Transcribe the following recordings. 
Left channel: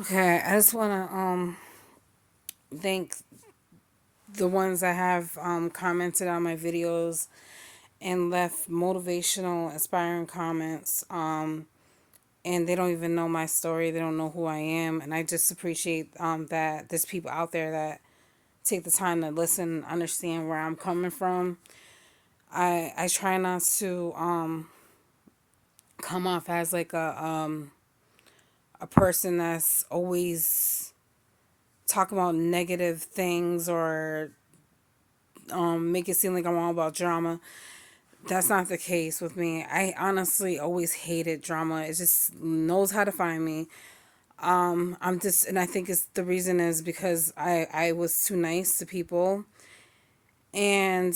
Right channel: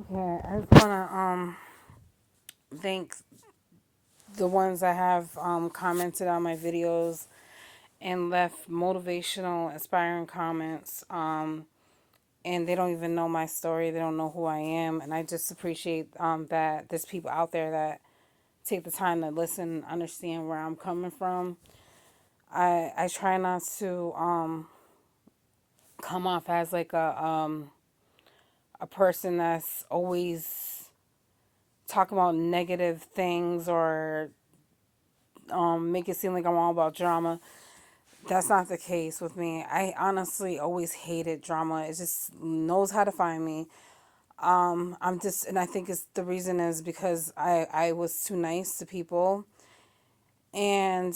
Okay, I just wanna thank the ones that have commented on my videos and left motivational, inspiring comments. And they don't even know my story. They don't know who I am, and I just appreciate that there's people out there that take the time to listen, understand where I'm coming from. I try not to come off as like a person that's always talking about negative things or make it seem like I'm all about drama. That's not the case with me. I honestly always hated drama. It just knows how to find me. I'm just, and I think it's the reason is because I was too nice to people, and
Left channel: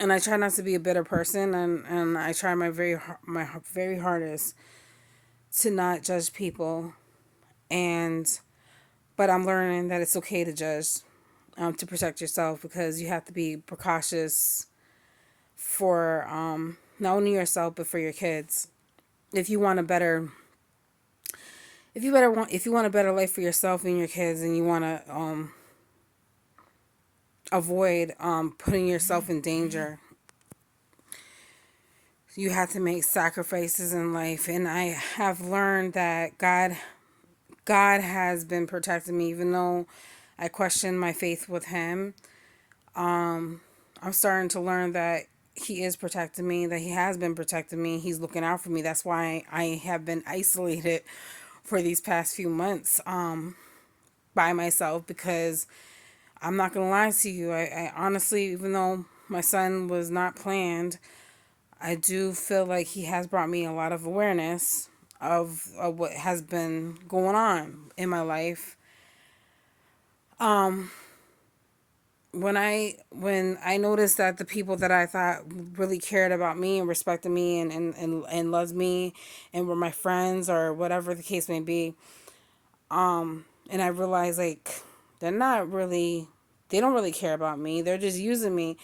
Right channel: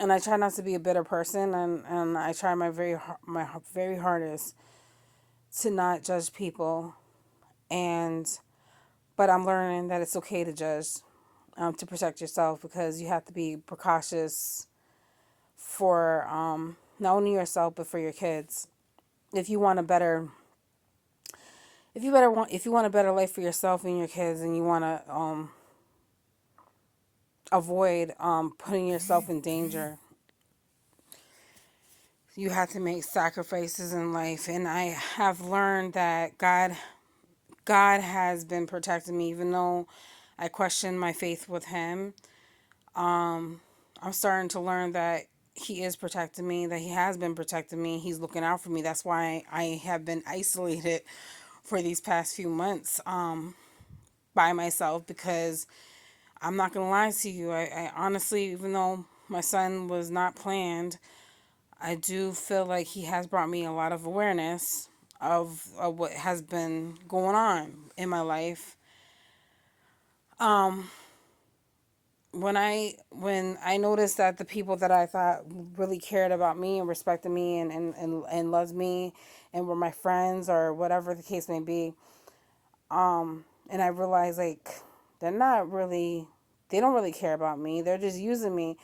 and I try not to be a bitter person, and I try my very hardest to not judge people, and but I'm learning that it's okay to judge, to protect yourself because you have to be precautious for not only yourself but for your kids. If you want a better, if you want a better life for yourself and your kids, and you want to avoid putting yourself in danger, you have to make sacrifices in life. And I have learned that God has been protecting me, even though I question my faith with Him. I'm starting to learn that He is protecting me, that He has been protecting me. He's looking out for me. That's why I have been isolated for these past few months by myself, because I'm not going to lie to you. I honestly, even though my son was not planned, I do feel like He has brought me a lot of awareness of what has been going on in my life. Um, when I noticed that the people that I thought really cared about me and respected me and loved me and were my friends or whatever the case may be, and I realized like they're not really, they don't really care about me. They're just using me.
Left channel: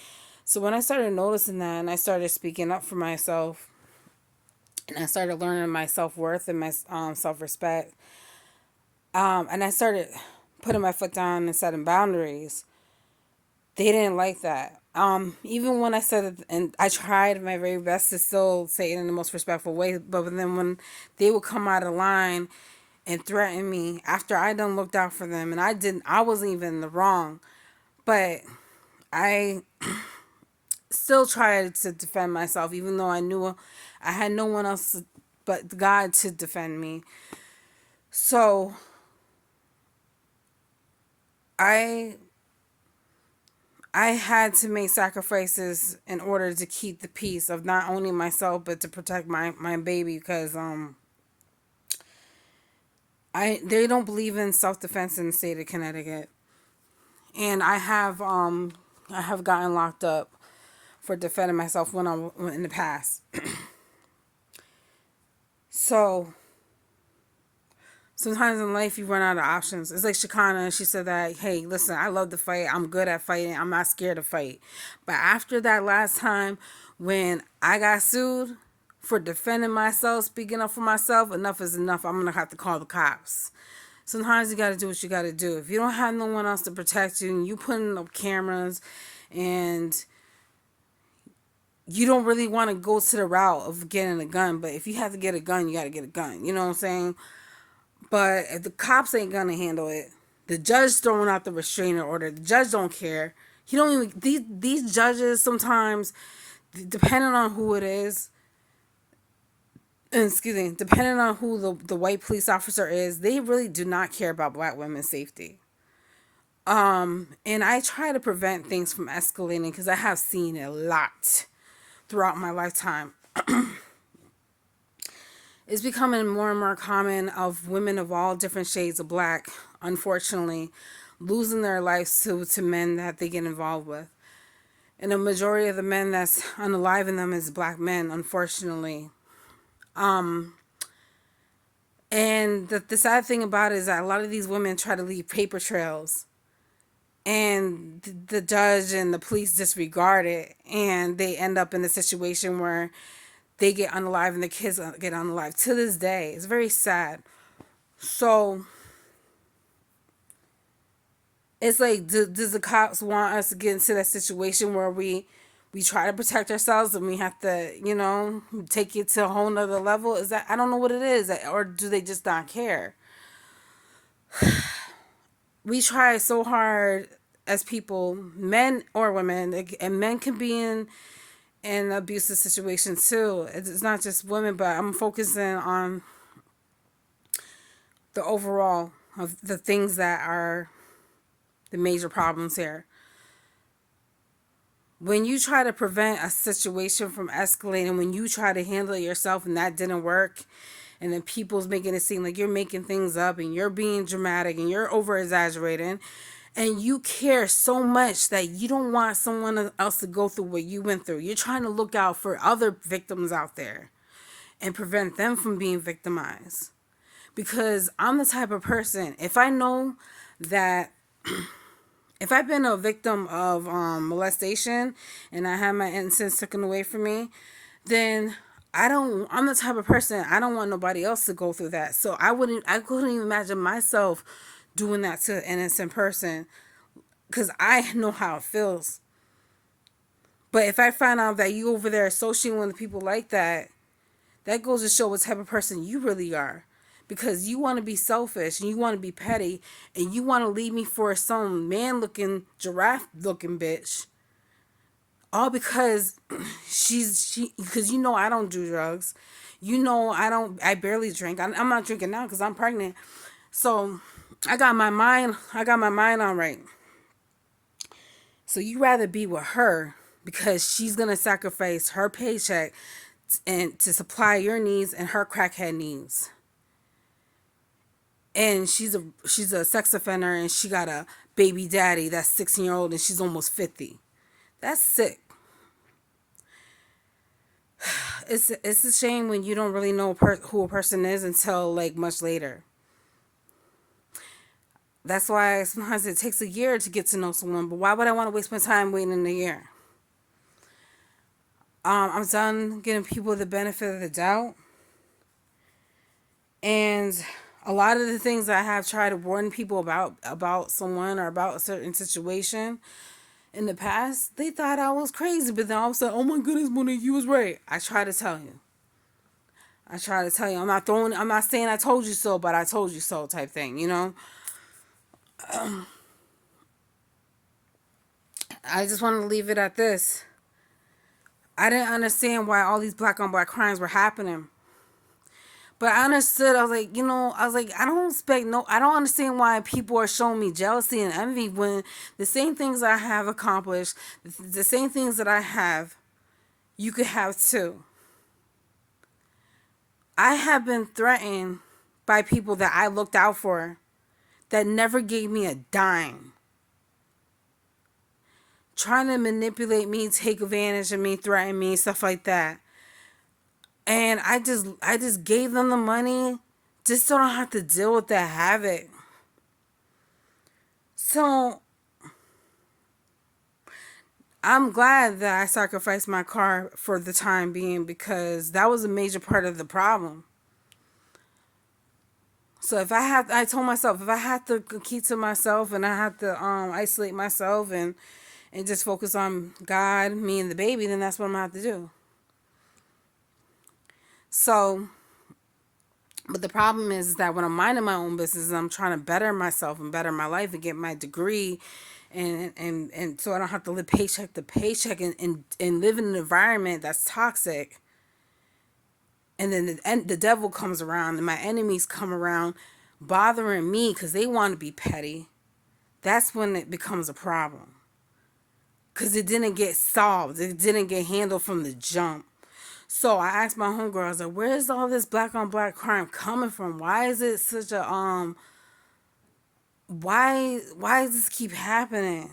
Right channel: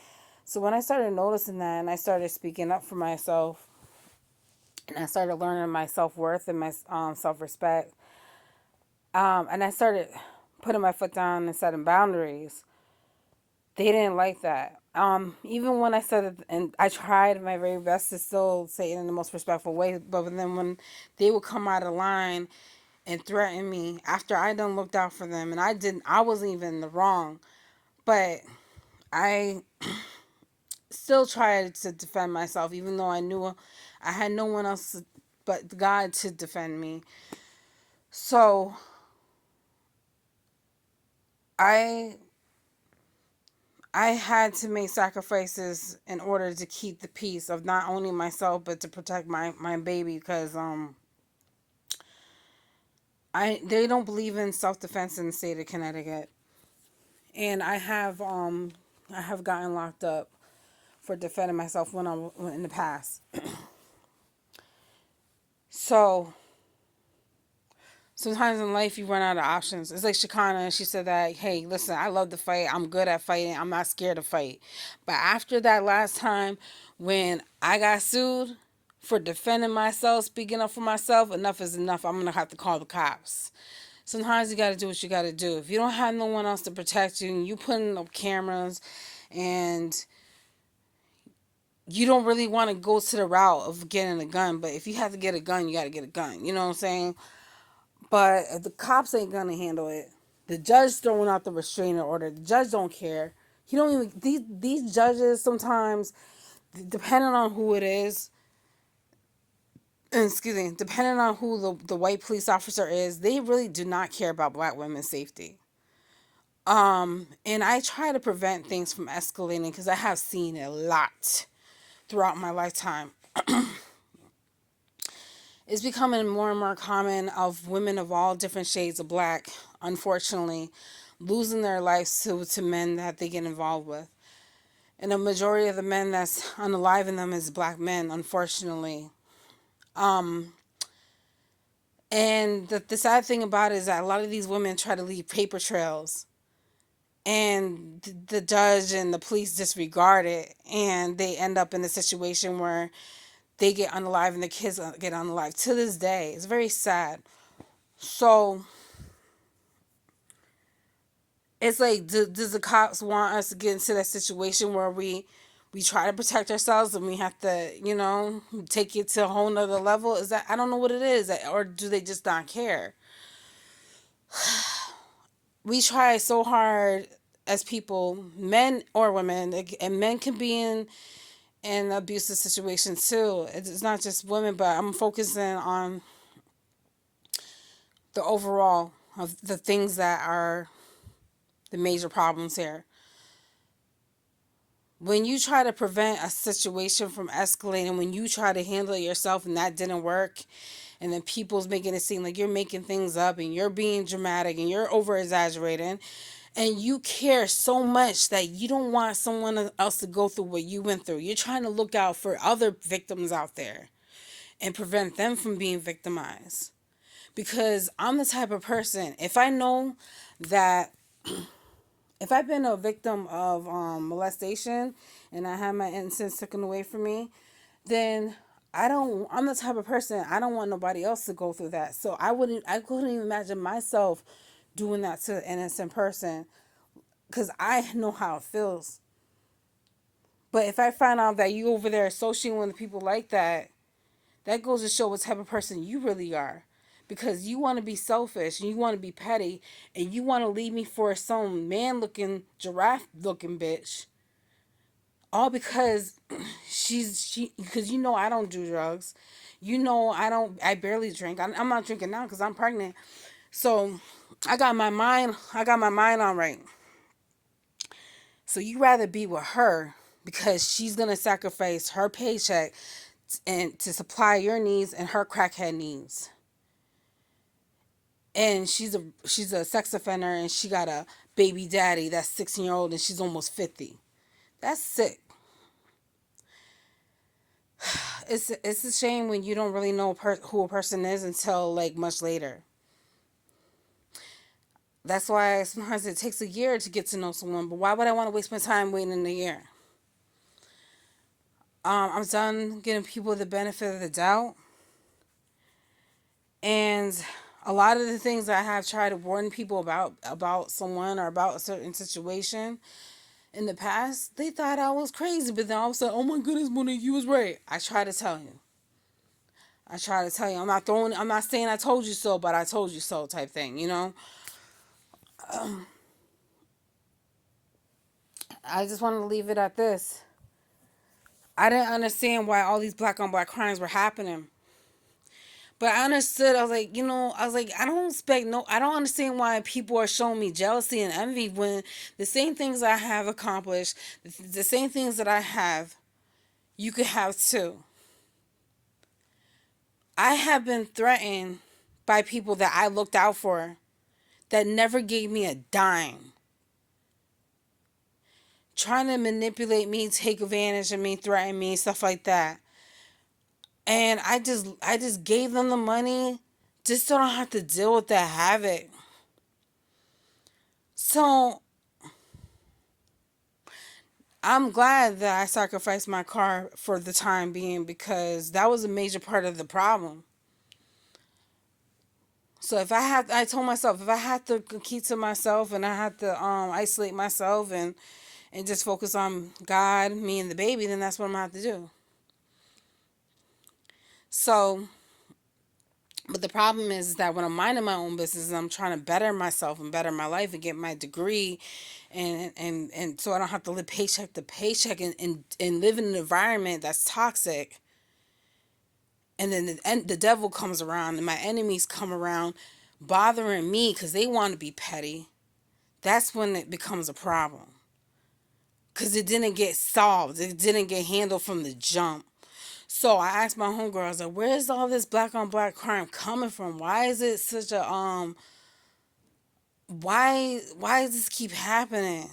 So when I started noticing that and I started speaking up for myself and I started learning my self-worth and my self-respect, and I started putting my foot down and setting boundaries, they didn't like that. Even when I said it, and I tried my very best to still say it in the most respectful way, but then when they would come out of line and threaten me after I done looked out for them, and I wasn't even in the wrong, but I still tried to defend myself, even though I knew I had no one else but God to defend me. So I I had to make sacrifices in order to keep the peace of not only myself but to protect my baby, because they don't believe in self defense in the state of Connecticut, and I have gotten locked up for defending myself when I in the past. So sometimes in life you run out of options. It's like Shakana, she said that, hey, listen, I love to fight. I'm good at fighting. I'm not scared to fight. But after that last time when I got sued for defending myself, speaking up for myself, enough is enough. I'm going to have to call the cops. Sometimes you got to do what you got to do. If you don't have no one else to protect you and you putting up cameras and you don't really want to go to the route of getting a gun, but if you have to get a gun, you got to get a gun. You know what I'm saying? But if the cops ain't gonna handle it, the judge throwing out the restraining order. The judge don't care. He don't even. These judges sometimes, depending on who it is, and excuse me, depending on who the white police officer is, they really do not care about black women's safety. And I try to prevent things from escalating because I have seen it a lot throughout my lifetime. It's becoming more and more common of women of all different shades of black, unfortunately, losing their lives to men that they get involved with. And a majority of the men that's unaliving them is black men, unfortunately. And the sad thing about it is that a lot of these women try to leave paper trails. And the judge and the police disregard it. And they end up in a situation where they get unalive and the kids get unalive to this day. It's very sad. So it's like, does the cops want us to get into that situation where we try to protect ourselves and we have to, take it to a whole nother level? Is that, I don't know what it is, or do they just not care? We try so hard as people, men or women, and men can be in abusive situations too. It's not just women, but I'm focusing on the overall of the things that are the major problems here. When you try to prevent a situation from escalating, when you try to handle it yourself and that didn't work, and then people's making it seem like you're making things up and you're being dramatic and you're over exaggerating, and you care so much that you don't want someone else to go through what you went through. You're trying to look out for other victims out there and prevent them from being victimized. Because I'm the type of person, if I know that if I've been a victim of molestation and I have my innocence taken away from me, then I'm the type of person, I don't want nobody else to go through that. So I couldn't even imagine myself doing that to an innocent person, because I know how it feels. But if I find out that you over there associating with people like that, that goes to show what type of person you really are. Because you want to be selfish and you want to be petty and you want to leave me for some man looking, giraffe looking bitch. All because because I don't do drugs. I barely drink. I'm not drinking now because I'm pregnant. So I got my mind on right. So you rather be with her because she's going to sacrifice her paycheck and to supply your needs and her crackhead needs. And she's a sex offender and she got a baby daddy that's 16-year-old and she's almost 50. That's sick. It's a shame when you don't really know who a person is until like much later. That's why sometimes it takes a year to get to know someone. But why would I want to waste my time waiting in a year? I'm done giving people the benefit of the doubt. And a lot of the things that I have tried to warn people about someone or about a certain situation in the past, they thought I was crazy. But then all of a sudden, oh my goodness, Mona, you was right. I try to tell you. I'm not saying I told you so, but I told you so type thing, I just want to leave it at this. I didn't understand why all these black on black crimes were happening. But I understood. I was like, I don't understand why people are showing me jealousy and envy when the same things I have accomplished, the same things that I have, you could have too. I have been threatened by people that I looked out for that never gave me a dime. Trying to manipulate me, take advantage of me, threaten me, stuff like that. And I just gave them the money just so I don't have to deal with that havoc. So I'm glad that I sacrificed my car for the time being because that was a major part of the problem. So I told myself if I had to keep to myself and I had to isolate myself and just focus on God, me, and the baby, then that's what I'm gonna have to do. So, but the problem is that when I'm minding my own business and I'm trying to better myself and better my life and get my degree and so I don't have to live paycheck to paycheck and live in an environment that's toxic. And then the devil comes around and my enemies come around bothering me because they want to be petty. That's when it becomes a problem. Because it didn't get solved. It didn't get handled from the jump. So I asked my homegirl, I was like, where's all this black on black crime coming from? Why is it such a, why does this keep happening?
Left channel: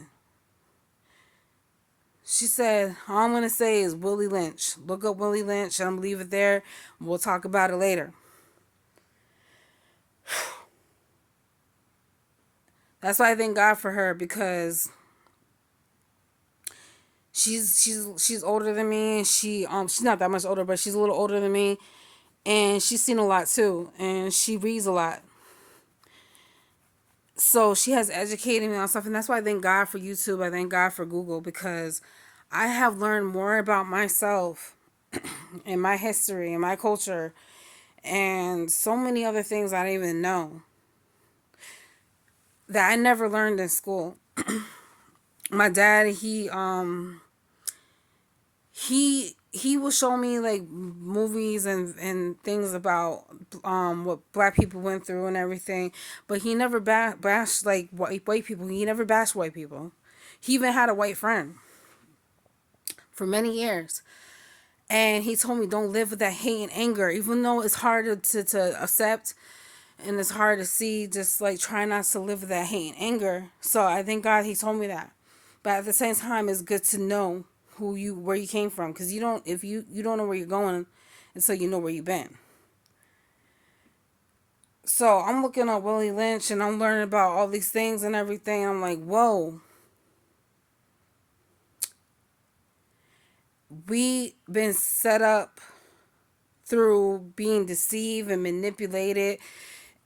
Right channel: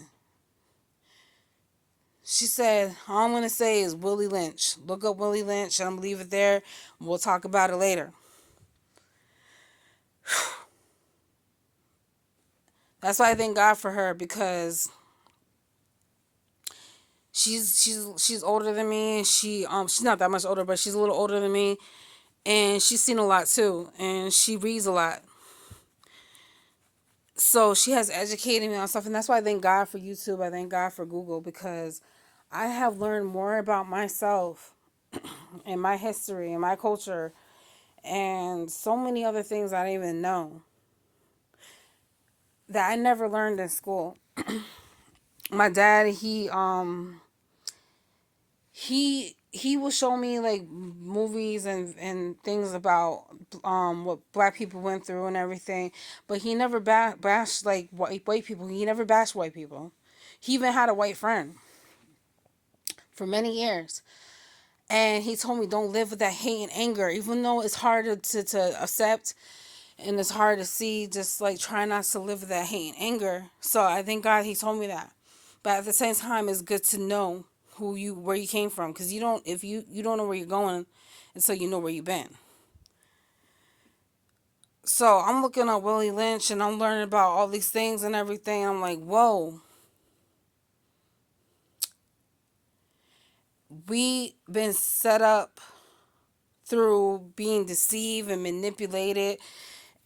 She said, all I'm going to say is Willie Lynch. Look up Willie Lynch and I'm going to leave it there. We'll talk about it later. That's why I thank God for her because she's older than me. She's not that much older, but she's a little older than me. And she's seen a lot too. And she reads a lot. So she has educated me on stuff, and that's why I thank God for YouTube. I thank God for Google, because I have learned more about myself and my history and my culture and so many other things I didn't even know that I never learned in school. My dad, he will show me like movies and things about what black people went through and everything, but he never bashed like white people. He never bashed white people. He even had a white friend for many years, and he told me don't live with that hate and anger, even though it's hard to accept and it's hard to see. Just like try not to live with that hate and anger. So I thank God he told me that, but at the same time it's good to know where you came from, because you don't, if you don't know where you're going until you know where you've been. So I'm looking at Willie Lynch and I'm learning about all these things and everything. I'm like, whoa, we been set up through being deceived and manipulated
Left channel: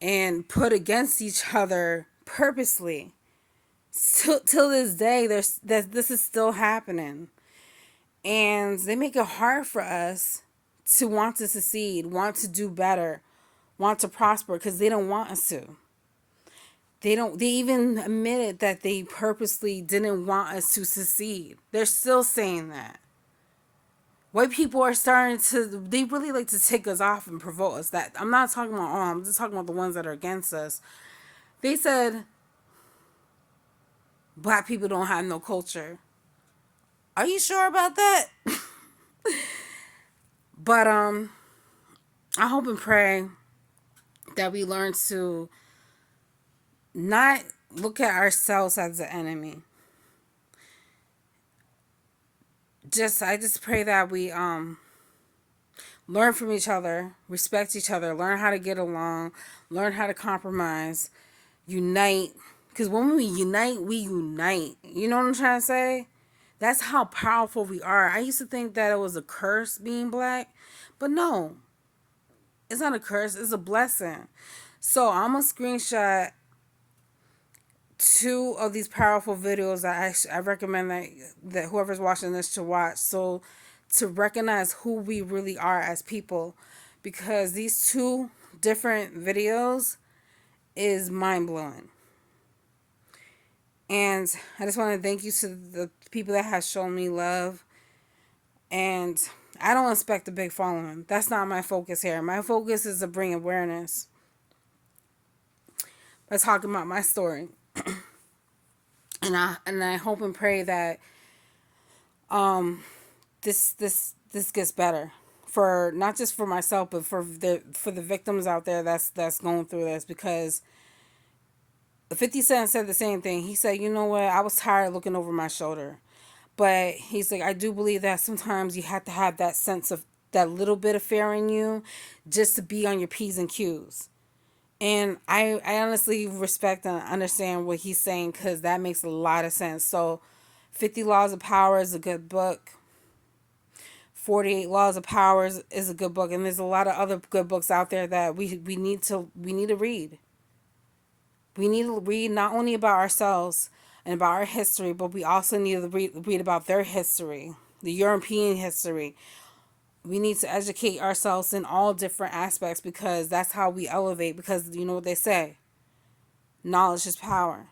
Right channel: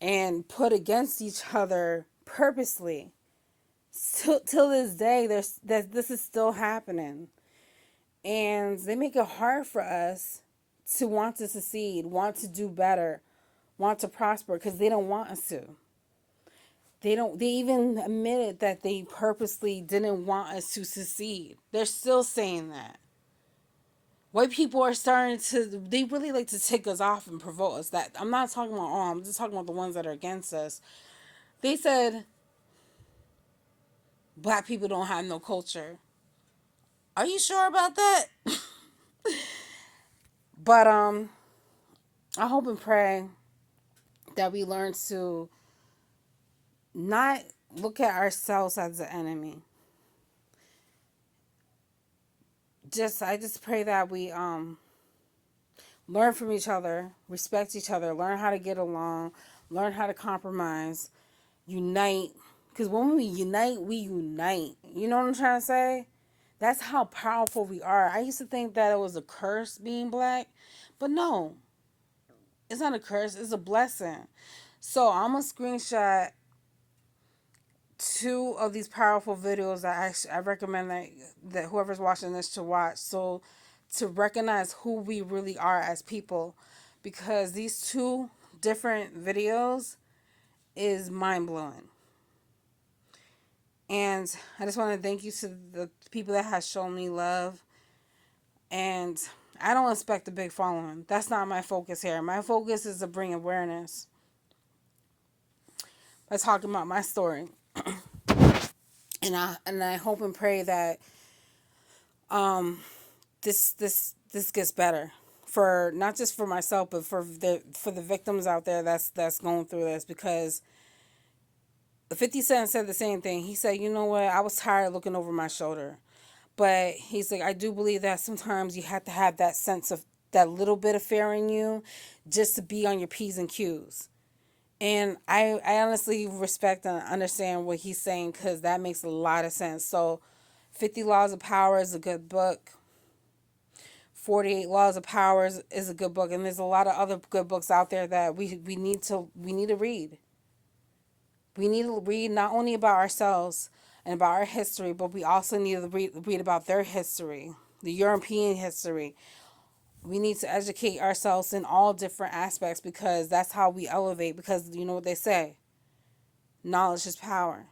and put against each other purposely. Till this day, this is still happening, and they make it hard for us to want to succeed, want to do better, want to prosper, because they don't want us to. They even admitted that they purposely didn't want us to succeed. They're still saying that. White people are starting to, they really like to take us off and provoke us. That I'm not talking about all, I'm just talking about the ones that are against us. They said black people don't have no culture. Are you sure about that? But I hope and pray that we learn to not look at ourselves as the enemy. I just pray that we learn from each other, respect each other, learn how to get along, learn how to compromise, unite. Because when we unite, we unite. You know what I'm trying to say? That's how powerful we are. I used to think that it was a curse being black, but no, it's not a curse. It's a blessing. So I'm going to screenshot 2 of these powerful videos that I recommend that whoever's watching this should watch. So to recognize who we really are as people, because these 2 different videos is mind-blowing. And I just want to thank you to the people that have shown me love. And I don't expect a big following. That's not my focus here. My focus is to bring awareness. Let's talk about my story. And I hope and pray that this gets better, for not just for myself, but for the victims out there that's going through this. Because 50 Cent said the same thing. He said, you know what, I was tired of looking over my shoulder. But he's like, I do believe that sometimes you have to have that sense of that little bit of fear in you just to be on your P's and Q's. And I honestly respect and understand what he's saying, because that makes a lot of sense. So 50 Laws of Power is a good book. 48 Laws of Power is a good book. And there's a lot of other good books out there that we need to read. We need to read not only about ourselves and about our history, but we also need to read about their history, the European history. We need to educate ourselves in all different aspects, because that's how we elevate. Because you know what they say, knowledge is power.